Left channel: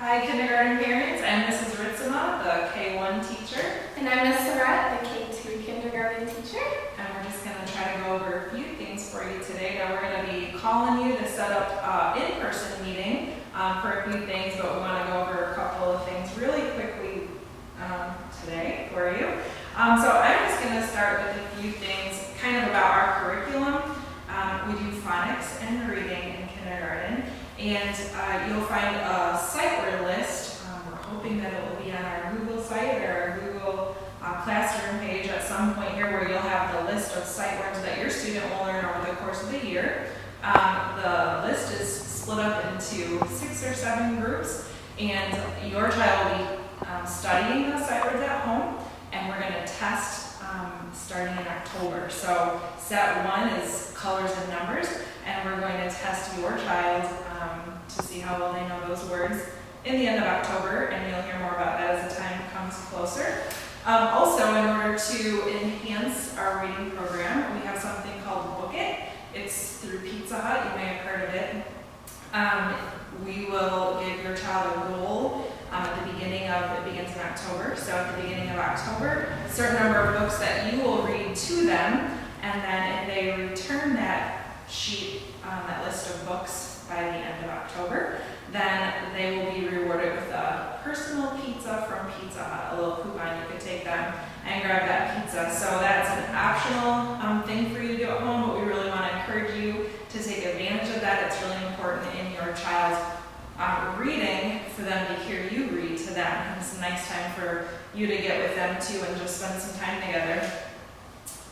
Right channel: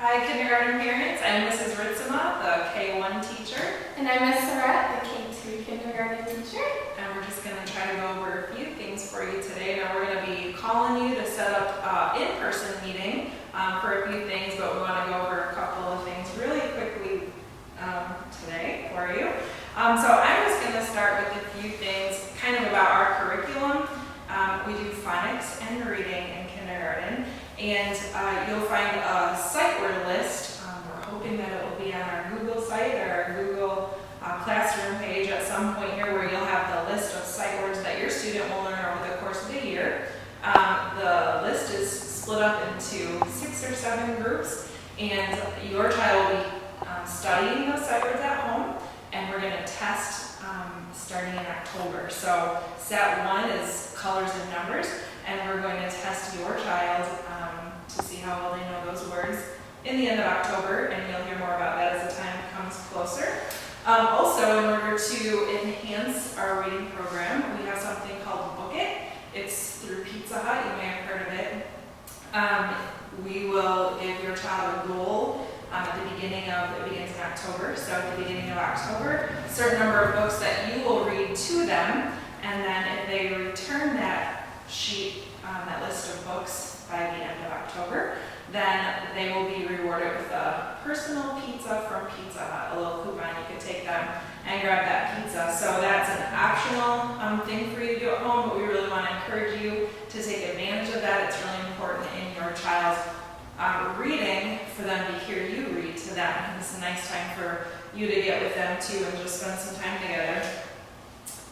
Hi, kindergarten parents. I'm Mrs. Ritzema, the K1 teacher. And I'm Miss Surrett, the K2 kindergarten teacher. And we're just going to try to go over a few things for you today. Now, we're going to be calling you to set up an in-person meeting for a few things, but we want to go over a couple of things really quickly today for you. So I'm just going to start with a few things kind of about our curriculum. We do phonics and reading in kindergarten, and you'll find a sight word list. We're hoping that it will be on our Google site or our Google classroom page at some point here, where you'll have the list of sight words that your student will learn over the course of the year. The list is split up into 6 or 7 groups, and your child will be studying those sight words at home, and we're going to test starting in October. So set 1 is colors and numbers, and we're going to test your child to see how well they know those words in the end of October, and you'll hear more about that as the time comes closer. Also, in order to enhance our reading program, we have something called Book It. It's through Pizza Hut. You may have heard of it. We will give your child a goal at the beginning of, it begins in October, so at the beginning of October, a certain number of books that you will read to them, and then if they return that sheet, that list of books by the end of October, then they will be rewarded with a personal pizza from Pizza Hut, a little coupon. You could take them and grab that pizza. So that's an optional thing for you to do at home, but we really want to encourage you to take advantage of that. It's really important in your child's reading for them to hear you read to them. And it's a nice time for you to get with them too and just spend some time together.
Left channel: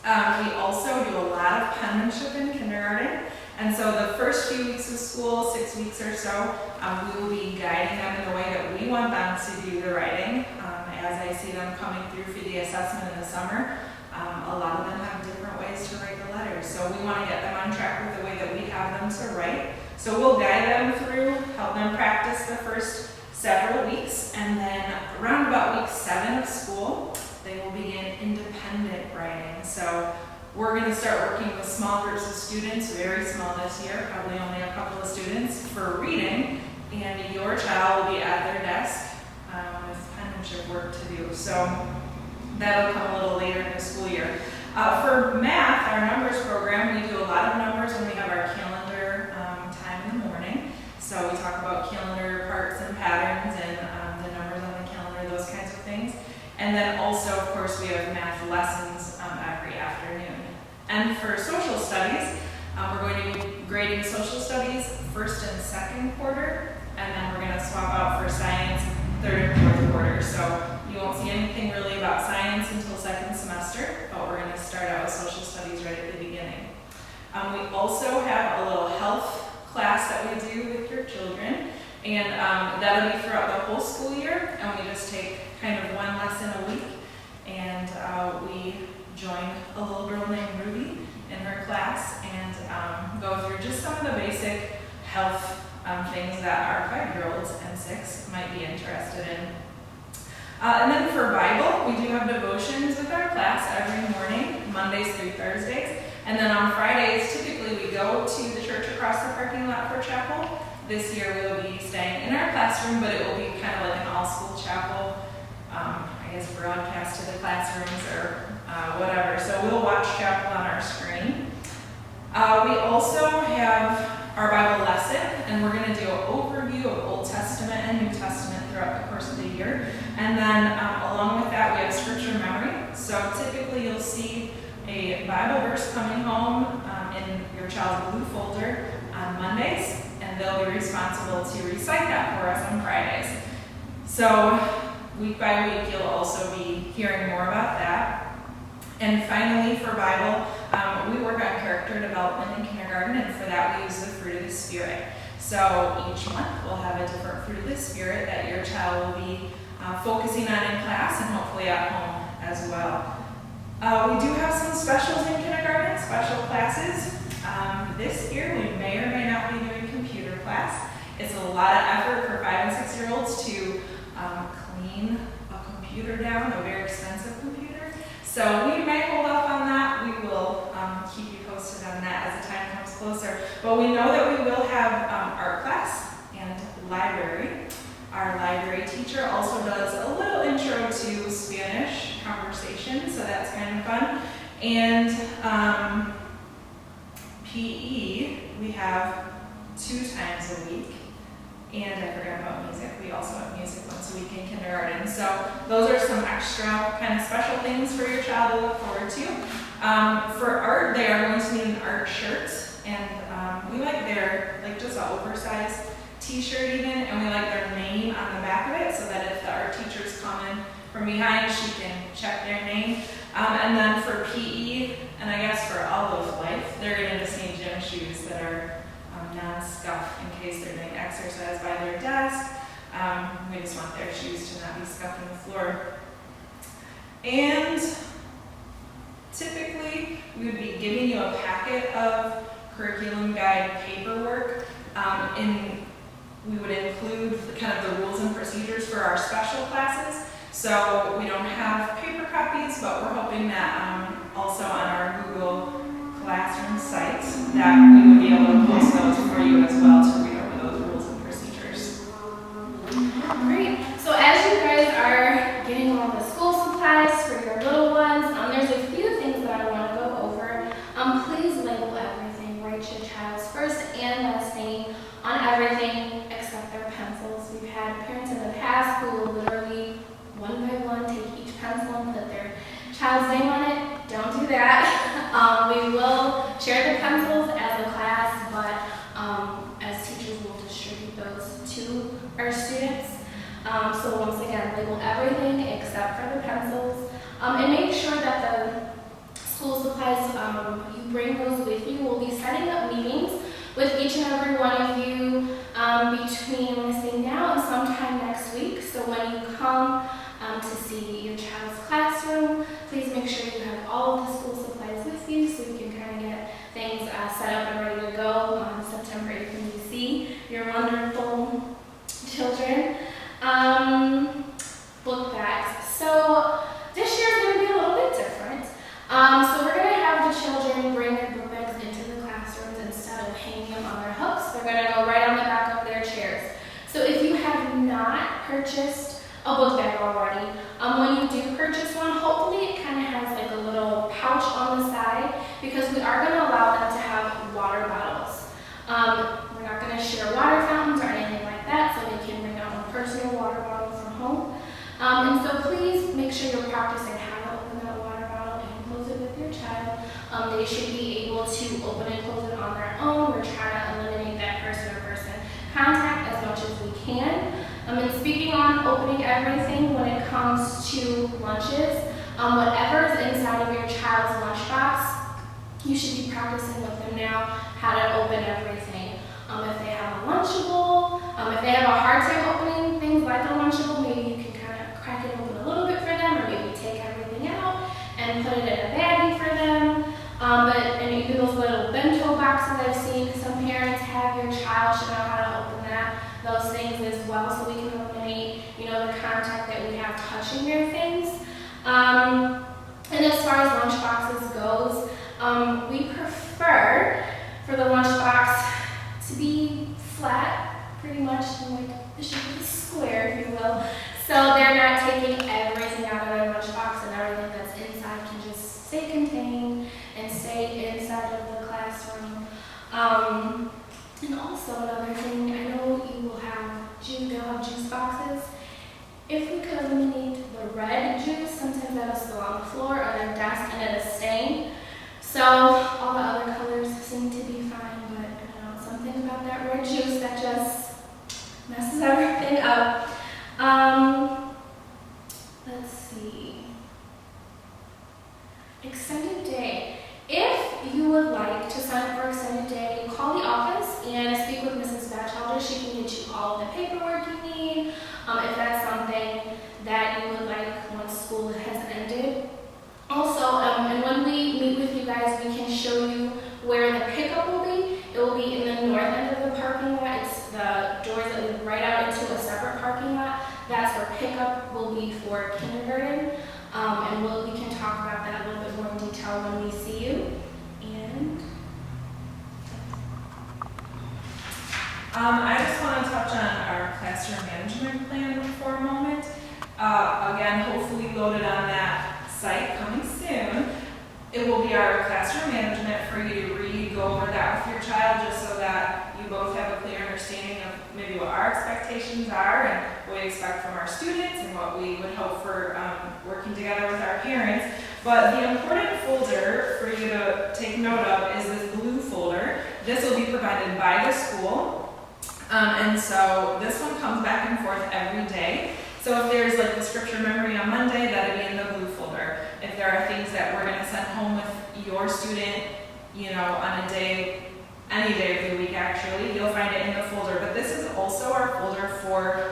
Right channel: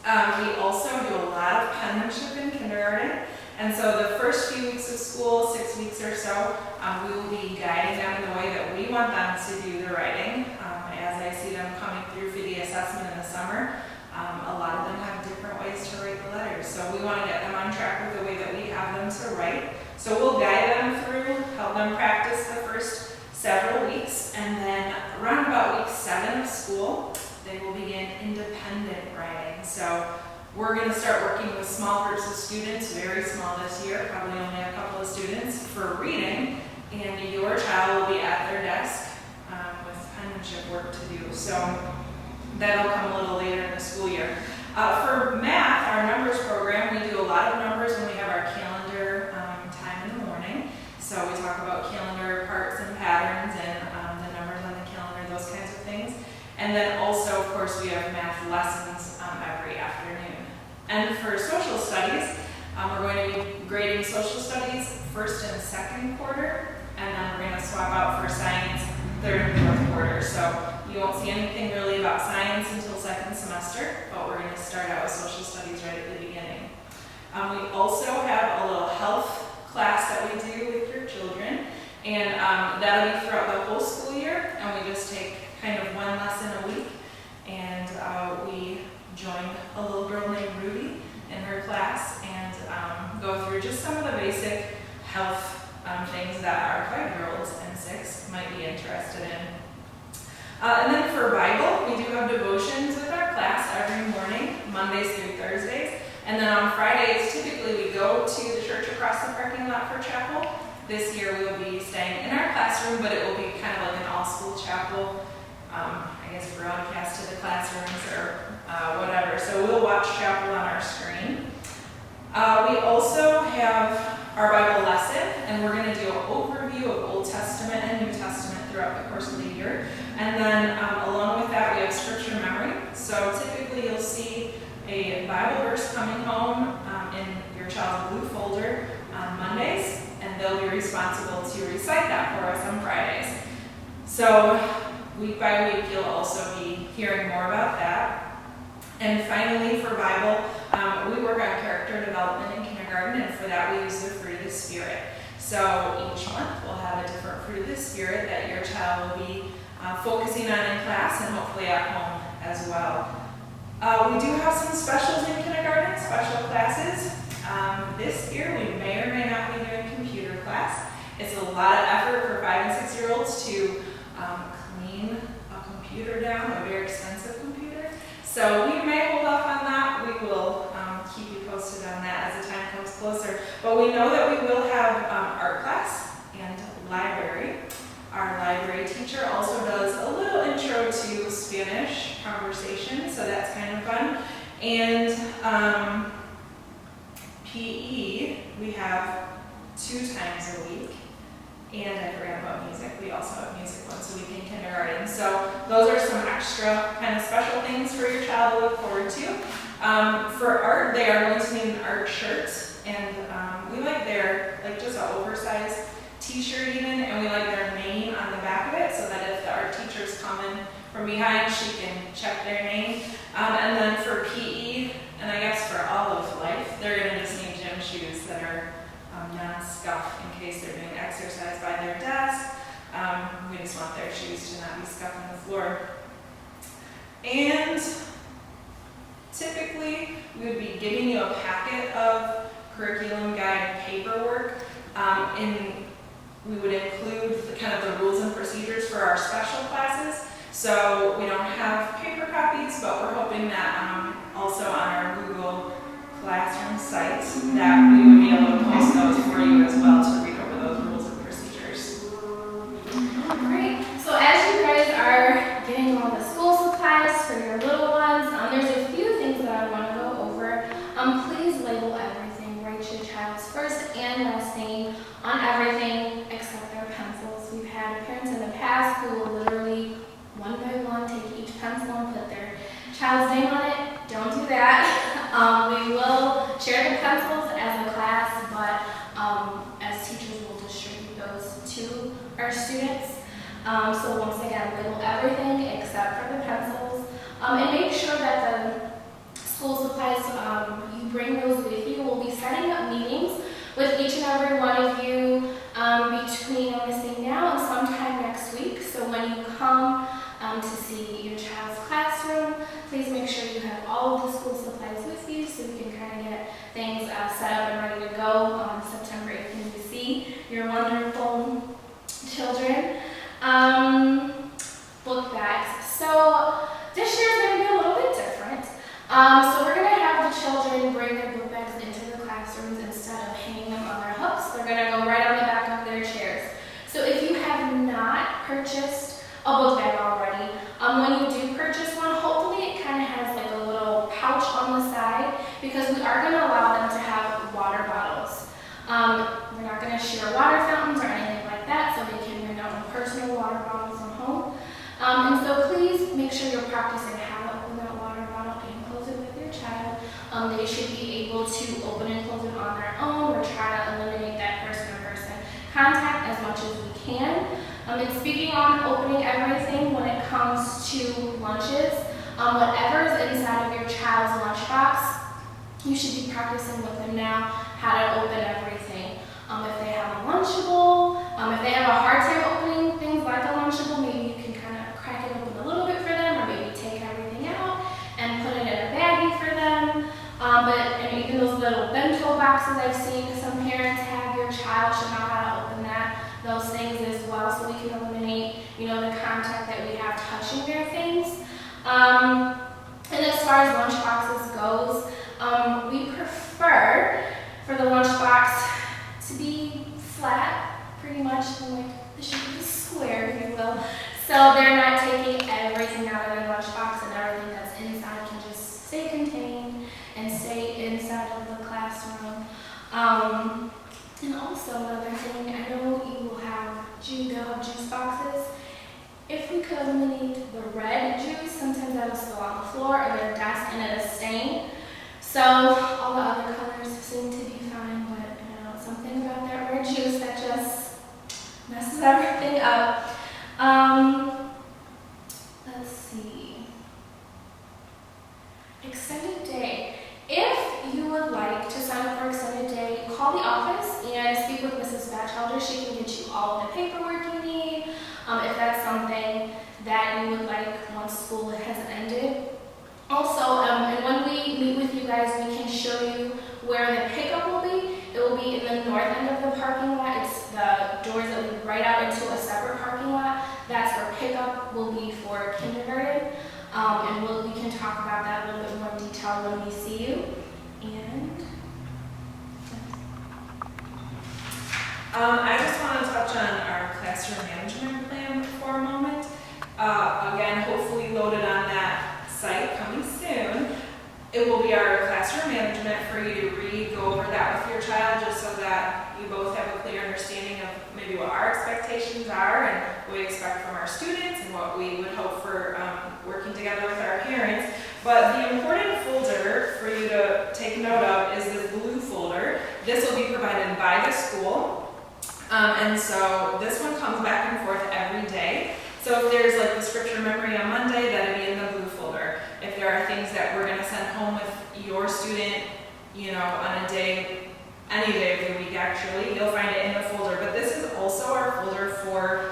We also do a lot of penmanship in kindergarten. And so the first few weeks of school, 6 weeks or so, we will be guiding them in the way that we want them to do the writing. As I see them coming through for the assessment in the summer, a lot of them have different ways to write the letters. So we want to get them on track with the way that we have them to write. So we'll guide them through, help them practice the first several weeks, and then around about week 7 of school, they will begin independent writing. So we're going to start working with small groups of students, very small this year, probably only a couple of students, for reading, and your child will be at their desk with penmanship work to do. So that'll come a little later in the school year. For math, our numbers program, we do a lot of numbers when we have our calendar time in the morning. So we talk about calendar parts and patterns and the numbers on the calendar, those kinds of things. And then also, of course, we have math lessons every afternoon. And for social studies, we're going to be grading social studies first and second quarter, and then we're going to swap out for science third and fourth quarter. So you won't see anything really about science until second semester, but we're going to start out with social studies right at the beginning. We also have a little health class that we do with your children, and that'll be throughout the whole school year, and we just take kind of one lesson a week, and we join a little girl named Ruby in her class and go through just some of the basic health things that our 5-year-olds and 6 might be interested in. And then for Bible, we do have devotions with our class every morning, Mondays through Thursdays. And then on Fridays, typically we go to the church across the parking lot for chapel. This year we will be staying in our classroom, but it will be kind of like an all-school chapel, I guess broadcast to the classrooms or whatever. So we'll watch chapel on our screen. We also have our Bible lesson, and we're going to do an overview of Old Testament and New Testament throughout the course of the year. And then along with that, we have scripture memory. So typically you'll see a Bible verse coming home in your child's blue folder on Mondays, and they'll be responsible to recite that for us on Fridays. So week by week, you'll also be hearing more about that. And finally, for Bible, we work on character development in kindergarten, and for that we use the fruit of the Spirit. So each month we'll have a different fruit of the Spirit that your child will be focusing on in class and hopefully at home as well. We do have some specials in kindergarten, special classes. This year we may or may not be doing computer class. It's a lot of effort for 5- and 6-year-olds to clean a computer down, a very expensive computer. So we may hold off on that. We will keep you posted on that as the time comes closer. But we know that we will have art class and library. our library teacher, also does a little intro to Spanish conversation, so that's kind of fun. And PE, we have 2 times a week. And I forgot about music. We also have music once a week in kindergarten. So those are some extra kind of special things for your child to look forward to. For art, they are going to need an art shirt. And we like their, like just an oversized t-shirt even, and we like their name on the back of it so that if the art teacher's coming from behind, she can check their name. And then for PE, and I guess for all of life, they're gonna just need gym shoes that are non-scuff in case they're doing exercise by their desk. We just want their shoes to not be scuffing the floor. And typically, we would be giving you a packet of curriculum guide paperwork, and we would include kind of the rules and procedures for our special classes. So we don't have paper copies, but we're hoping that also on our Google Classroom site that we would be able to post those for you as well to read over those rules and procedures. Great. So as you guys are getting all the school supplies for your little ones, there's a few things that I want to go over. Please label everything. Write your child's first and last name on everything except their pencils. We've had parents in the past who will literally one by one take each pencil and put their child's name on it. Don't do that. We will share the pencils as a class, but as teachers we'll distribute those to our students. So once again, label everything except for the pencils. And make sure that the school supplies, you bring those with you. We'll be setting up meetings with each and every one of you between, I want to say now and sometime next week. So when you come to see your child's classroom, please make sure you have all of the school supplies with you so you can kind of get things set up and ready to go on September 8th when you see your wonderful children. Book bags. So this year is going to be a little bit different. So we're going to have the children bring their book bags into the classrooms instead of hanging them on their hooks. They're going to go right on the back of their chairs. So if you have not purchased a book bag already, when you do purchase one, hopefully it kind of has like a little pouch on the side because we are going to allow them to have water bottles. We're not going to share water fountains or anything like that, so they can bring their own personal water bottle from home. And so please make sure you're practicing how to open that water bottle and close it with your child. They should be able to open and close it on their own. We're trying to eliminate that person-to-person contact as much as we can. And speaking on opening everything, when it comes to lunches, whatever is inside of your child's lunchbox, you should be practicing with them now how to open everything. If they have a Lunchable, if they have a hard time opening things like a Lunchable, maybe you can kind of crack it open a little bit for them, or maybe take everything out and put it in a baggie for them. And even those little bento boxes I've seen some parents have, your child should know how to open those things as well, so we can eliminate, the contact that we have touching their things. And as far as lunch boxes goes, we prefer for the lunchbox to be flat, pretty much, and like the shape of a square, if you will. So they're not taking everything out of their lunchbox, and everything that's inside can just stay contained and stay inside of the classroom. And also another thing, I know you will have they'll have juice boxes. If we could eliminate the red juice, sometimes that'll spill on the floor or their desk and it'll stain. So all the other colors seem to be fine, but something about that red juice that just messes everything up. Let's see. Extended day. If you would like to sign up for extended day, call the office and speak with Mrs. Batchelder. She can get you all of the paperwork you need, if that's something that you would like once school has ended. Also, and when we meet with you guys, we can show you where the pickup will be. It will be in the north end of the parking lot. It's the doors that lead right out into a separate parking lot. That's where pickup will be for kindergarten. And we can talk about that a little bit more in detail when we see you. And I just want to touch on our classroom management it will be our classroom management for you to read, go over that with your child, just so that you both have a clear understanding of maybe what our expectations are and what we expect from our students and what we would hope for working together with our parents. But the important folder for you to take note of is this blue folder. This will be provided by the school. And so this one comes back and forth every day. So if there's like the scripture memory on Monday, that'll be in the blue folder. If there are things that we're going to send home with your student, on a day, any day of the week actually, you'll find it in the folder. But this is also our folder for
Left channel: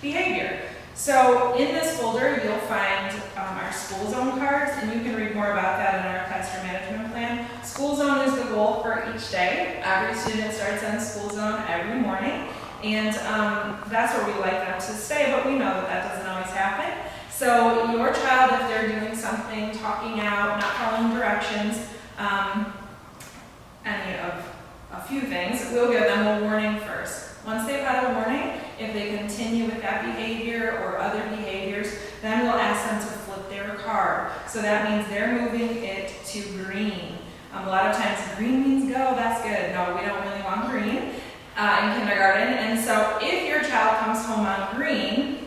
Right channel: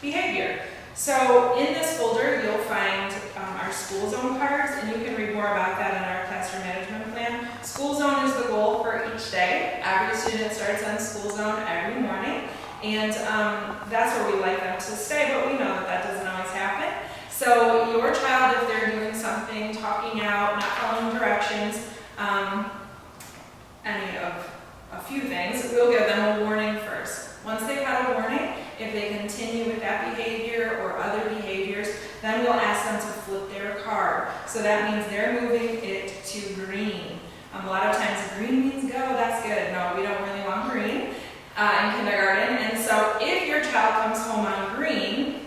behavior. So in this folder, you'll find our school zone cards, and you can read more about that in our classroom management plan. School zone is the goal for each day. Every student starts on school zone every morning, and that's where we like them to stay, but we know that that doesn't always happen. So your child, if they're doing something, talking out, not following directions, any of a few things, we'll give them a warning first. Once they've had a warning, if they continue with that behavior or other behaviors, then we'll ask them to flip their card. So that means they're moving it to green. A lot of times green means go, that's good. No, we don't really want green in kindergarten. And so if your child comes home on green,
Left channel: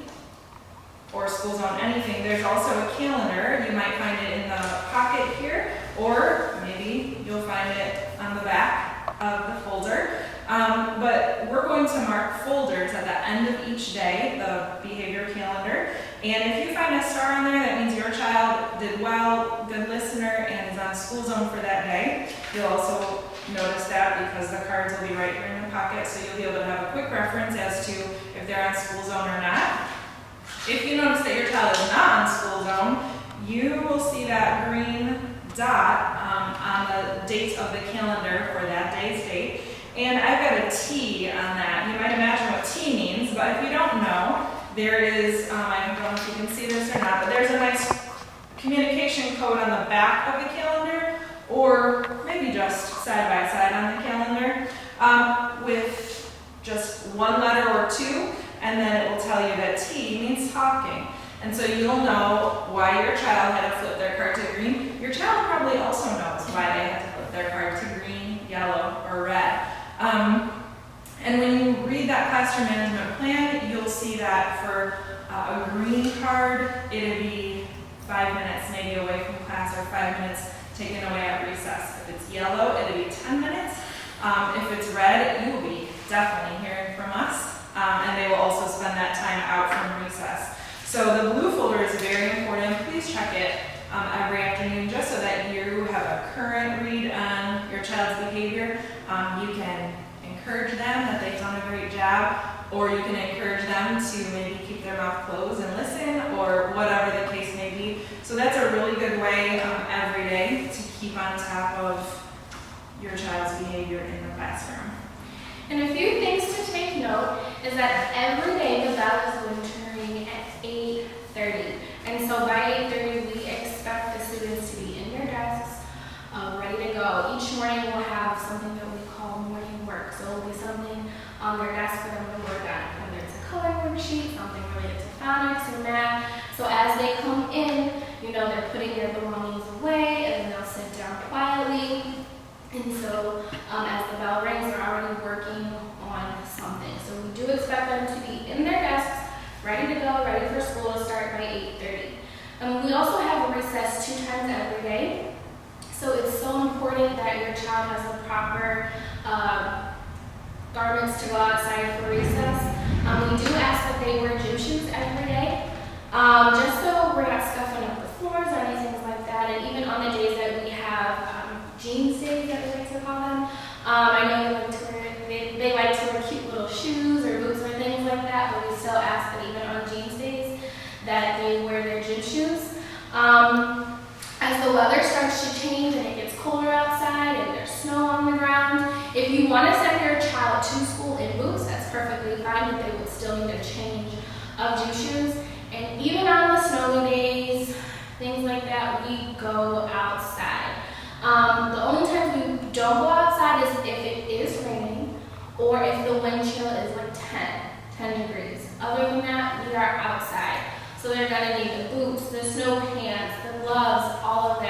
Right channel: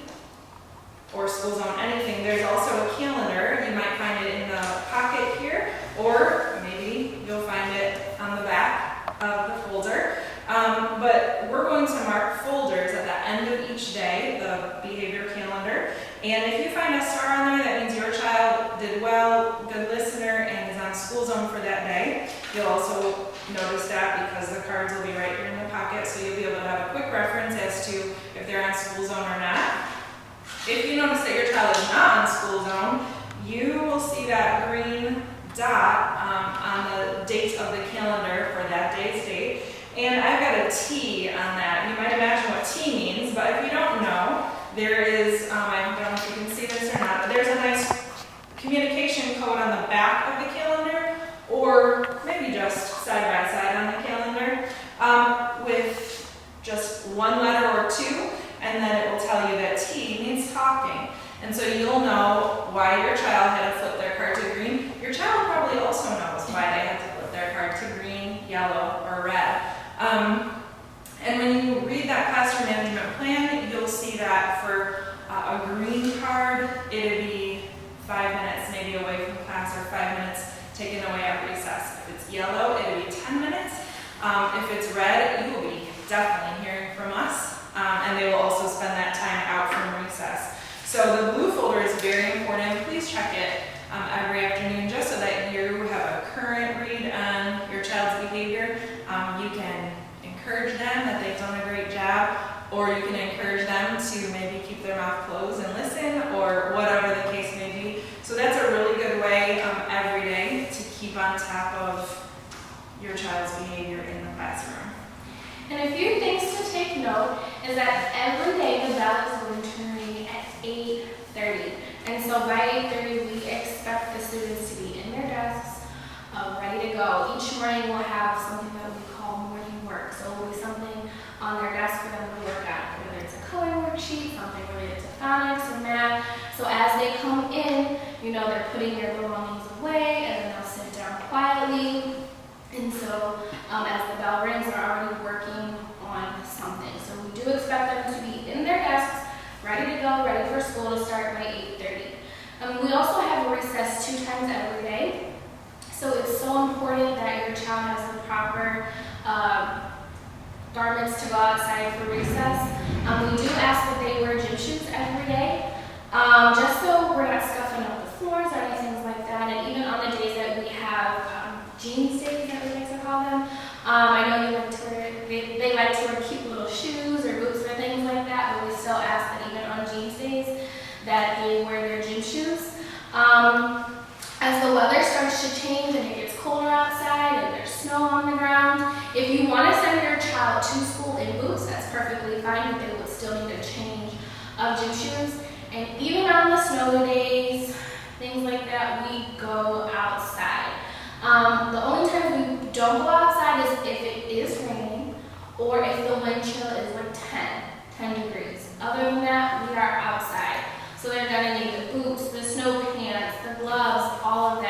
or school zone, anything, there's also a calendar. You might find it in the pocket here, or maybe you'll find it on the back of the folder. But we're going to mark folders at the end of each day, the behavior calendar. And if you find a star on there, that means your child did well, good listener, and is on school zone for that day. You'll also notice that because the cards will be right here in the pocket, so you'll be able to have a quick reference as to if they're on school zone or not. If you notice that your child is not on school zone, you will see that green dot on the date of the calendar for that day's date. And I've got a T on that. You might imagine what T means, but if you don't know, there is, I don't know if you can see this or not, but there's a nice communication code on the back of the calendar, or maybe just side by side on the calendar, with just one letter or two, and then it will tell you that T means talking. And so you'll know why your child had to flip their card to green. Your child probably also knows why they had to flip their card to green, yellow, or red. And when you read that classroom management plan, you'll see that for a green card, it'll be 5 minutes maybe away from class, or 5 minutes taken away at recess. If it's yellow, it'll be 10 minutes. If it's red, you will be definitely hearing from us, and they will also spend that time out from recess. So the blue folder is very important. Please check it every afternoon, just so that you have a current read on your child's behavior. You can encourage them that they've done a great job, or you can encourage them to maybe keep their mouth closed and listen, or whatever the case may be. So that's a really good way every day to keep on top of your child's behavior in the classroom. And a few things to take note is that every day the bell is going to ring at 8:30. And so by 8:30, we expect the students to be in their desks, ready to go. Each morning we'll have something that we call morning work. So it'll be something on their desk for them to work on, whether it's a color worksheet, something related to phonics or math. So as they come in, they're putting their belongings away, and then they'll sit down quietly. And so as the bell rings, they're already working on something. So we do expect them to be in their desks, ready to go, ready for school to start by 8:30. We also have a recess 2 times every day. So it's so important that your child has the proper garments to go outside for recess. We do ask that they wear gym shoes every day, just so we're not scuffing up the floors or anything like that. And even on the days that we have jeans days, that we like to call them, I know you like to wear, they like to wear cute little shoes or boots or things like that, but we still ask that even on jeans days that they wear their gym shoes. As the weather starts to change and it gets colder outside and there's snow on the ground, if you want to send your child to school in boots, that's perfectly fine, but they would still need a change of gym shoes. And even on the snowy days, things like that, we go outside. The only times we don't go outside is if it is raining or if the wind chill is like 10 degrees. Other than that, we are outside. So they're gonna need the boots, the snow pants, the gloves, all of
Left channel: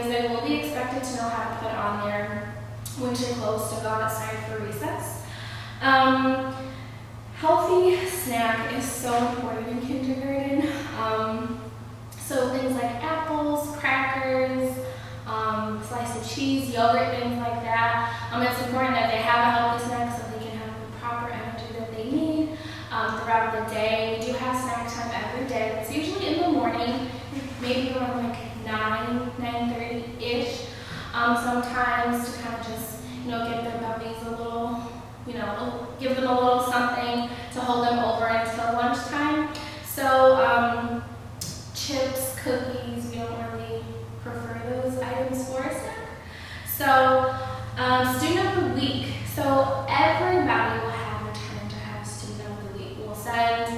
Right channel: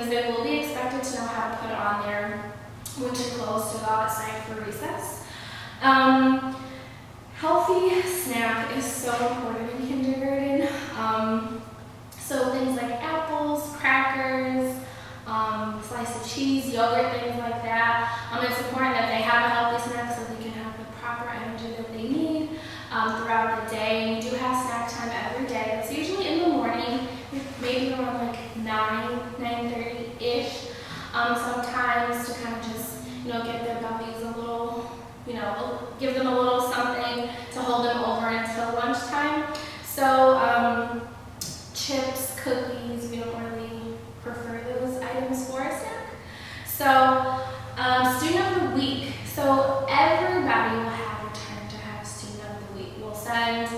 because they will be expected to know how to put on their winter clothes to go outside for recess. Healthy snack is so important in kindergarten. So things like apples, crackers, slice of cheese, yogurt, things like that. It's important that they have a healthy snack so they can have the proper energy that they need throughout the day. We do have snack time every day. It's usually in the morning, maybe around like 9:30-ish. Sometimes to kind of just, give their bellies a little, give them a little something to hold them over until lunchtime. So chips, cookies, we don't really prefer those items for a snack. So student of the week. So everybody will have a turn to have student of the week. We'll send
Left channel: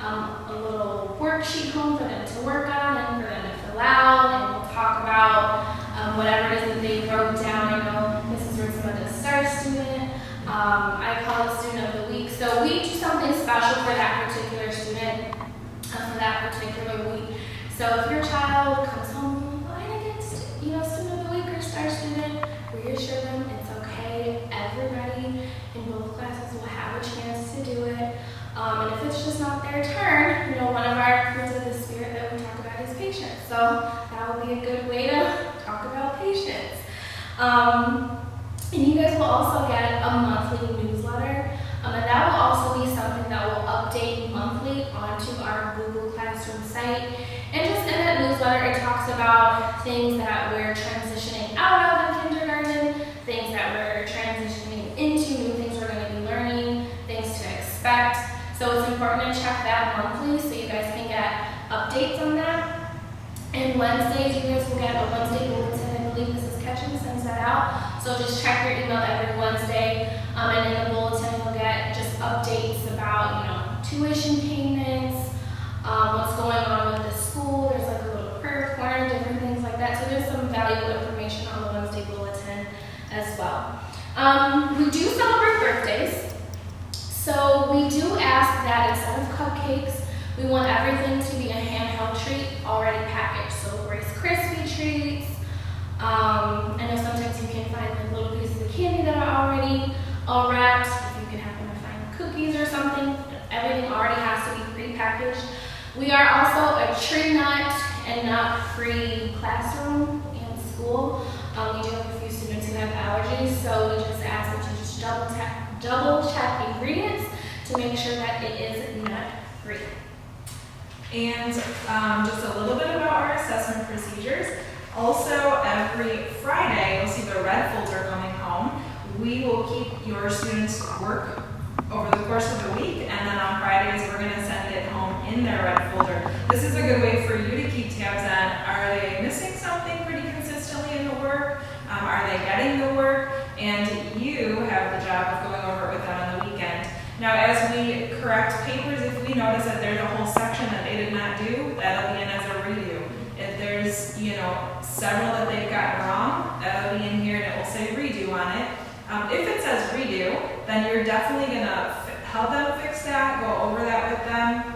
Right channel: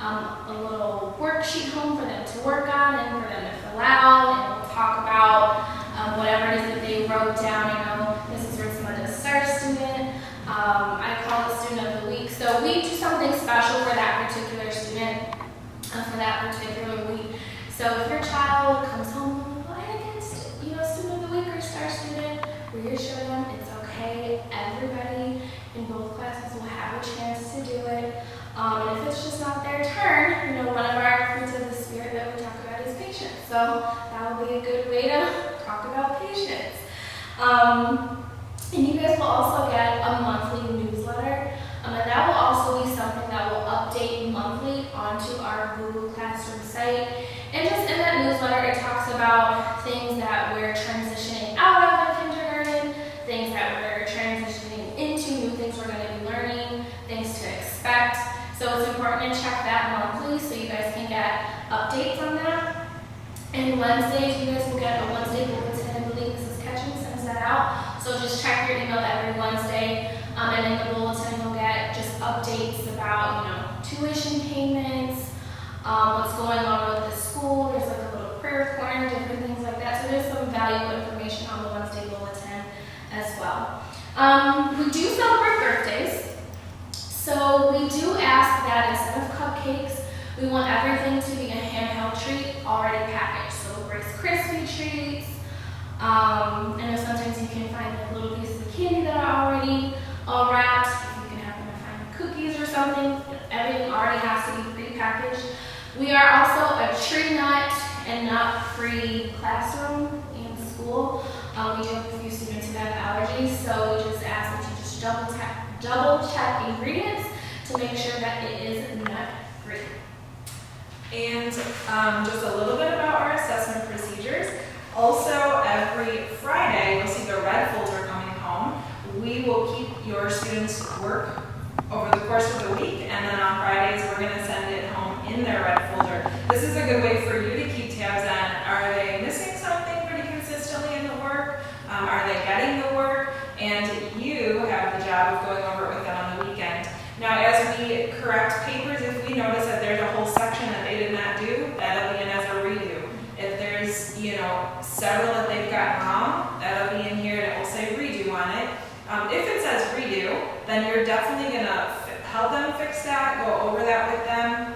a little worksheet home for them to work on and for them to fill out, and we'll talk about whatever it is that they wrote down. I know Mrs. Ritzema does STAR student. I call it student of the week. So we do something special for that particular student for that particular week. So if your child comes home, well, I didn't get student of the week or STAR student, reassure them it's okay. Everybody in both classes will have a chance to do it. And if it's just not their turn, one of our fruits of the spirit that we talk about is patience. So that will be a good way to talk about patience. And you guys will also get a monthly newsletter. And that will also be something that will update monthly onto our Google Classroom site. And just in that newsletter, it talks about things that we're transitioning out of in kindergarten, things that we're transitioning into, new things we're going to be learning, things to expect. So it's important to check that monthly so you guys can get updates on that. And Wednesdays, you guys will get a Wednesday bulletin. I believe Mrs. Ketchum sends that out. So just check your email every Wednesday. And in the bulletin, you'll get just updates about, tuition payments, what's going on with the school. There's like a little prayer corner, different things like that. So there's some valuable information on the Wednesday bulletin as well. We do celebrate birthdays. So we do ask that instead of cupcakes, we want everything to be a handheld treat already packaged. So Rice Krispie treats. I know sometimes you can find like little pieces of candy that are already wrapped. If you can happen to find cookies or something, everything already has to be pre-packaged. We are also a tree nut and nut-free classroom and school. We do have a few students who have allergies, so we just ask that you just double check ingredients to make sure that it is nut-free. And just a little bit about our assessment procedures. Also, every Friday, you'll see the red folder coming home. We will keep your students' work over the course of the week, and then on Fridays, we're going to send it home in their red folder. This is a good way for you to keep tabs on, are they missing something pretty consistently in the work? Are they getting the work? And you have the job of going over it with them on the weekend. Now, as we correct papers, if we notice that there's a whole section that they did not do, that'll be in as a redo. If there's, several that they've gotten wrong, that'll be in here and it will say redo on it. If it says redo, then you're definitely going to help them fix that, go over that with them,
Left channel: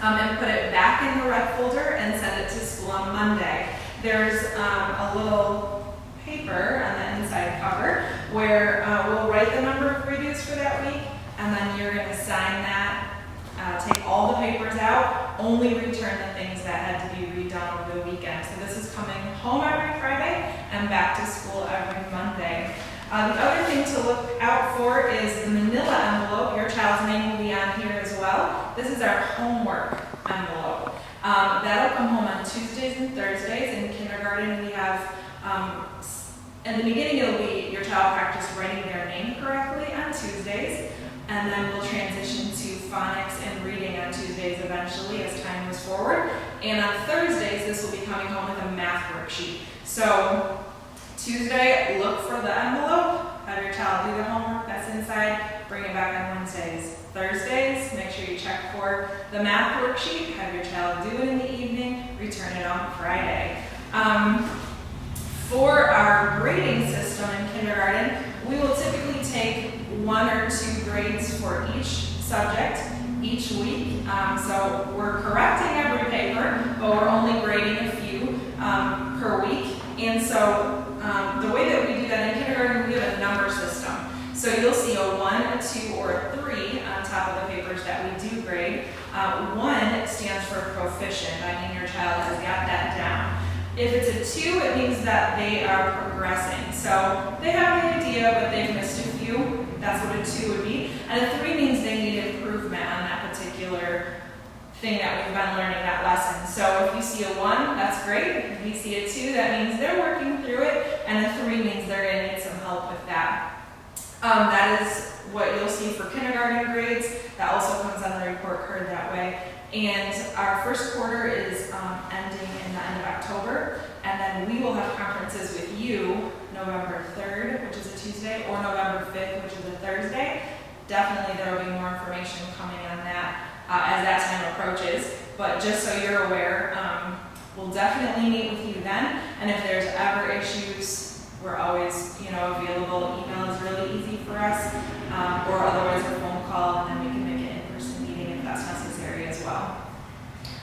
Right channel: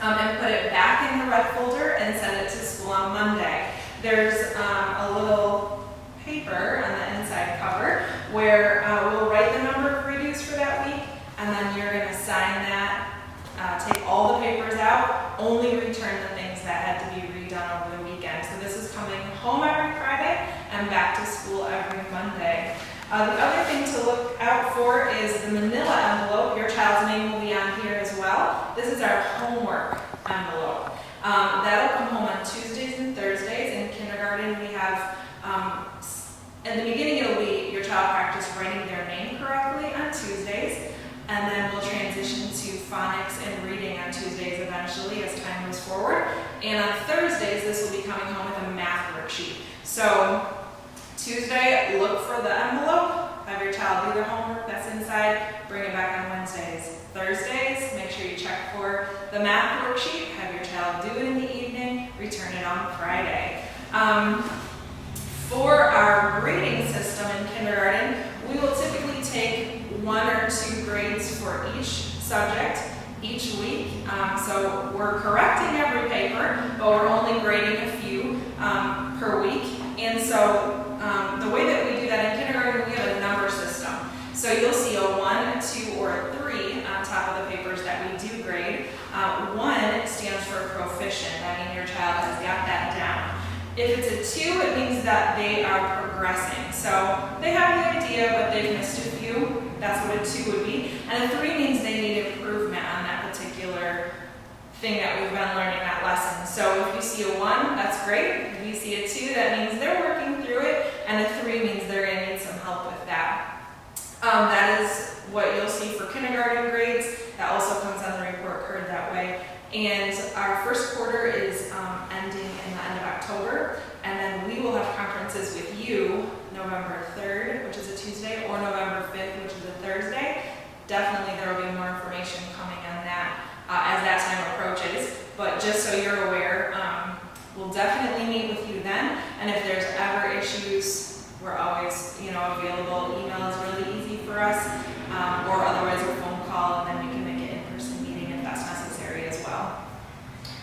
and put it back in the red folder and send it to school on Monday. There's a little paper on the inside cover where we'll write the number of redos for that week, and then you're going to sign that, take all the papers out, only return the things that had to be redone over the weekend. So this is coming home every Friday and back to school every Monday. The other thing to look out for is the manila envelope. Your child's name will be on here as well. This is our homework envelope. That'll come home on Tuesdays and Thursdays. In kindergarten, we have, in the beginning, it'll be your child practice writing their name correctly on Tuesdays. And then we'll transition to phonics and reading on Tuesdays eventually as time moves forward. And on Thursdays, this will be coming home with a math worksheet. So Tuesday, look for the envelope, have your child do their homework that's inside, bring it back on Wednesdays. Thursdays, make sure you check for the math worksheet, have your child do it in the evening, return it on Friday. For our grading system in kindergarten, we will typically take 1 or 2 grades for each subject each week. So we're correcting every paper, but we're only grading a few per week. And so the way that we do that in kindergarten, we have a number system. So you'll see a 1, a 2, or a 3 on top of the papers that we do grade. 1 stands for proficient. I mean, your child has got that down. If it's a 2, it means that they are progressing. So they have the idea, but they've missed a few. That's what a 2 would be. And a 3 means they need improvement on that particular thing that we've been learning, that lesson. So if you see a 1, that's great. If you see a 2, that means they're working through it. And a 3 means they're going to need some help with that. That is what you'll see for kindergarten grades. That also comes on the report card that way. And our first quarter is ending in the end of October. And then we will have conferences with you November 3rd, which is a Tuesday, or November 5th, which is a Thursday. Definitely there will be more information coming on that as that time approaches. But just so you're aware, we'll definitely meet with you then. And if there's ever issues, we're always, available. Email is really easy for us, or otherwise a phone call, and then we can make an in-person meeting if that's necessary as well.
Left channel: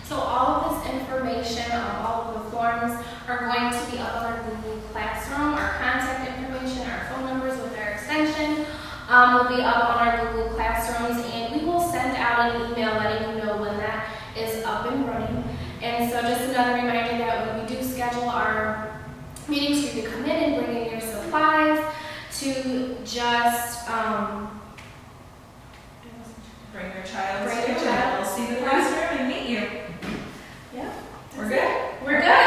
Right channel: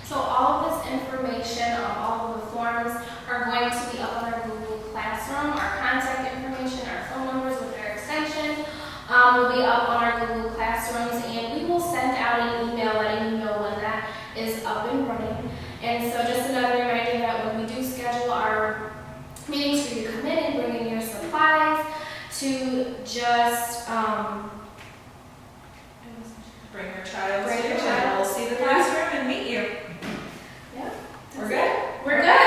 So all of this information, all of the forms are going to be up on our Google Classroom. Our contact information, our phone numbers with our extension will be up on our Google Classrooms, and we will send out an email letting you know when that is up and running. And so just another reminder that when we do schedule our meetings for you to come in and bring in your supplies, to just Bring your child. Bring your child. We'll see the classroom and meet you. Yeah. We're good? We're good.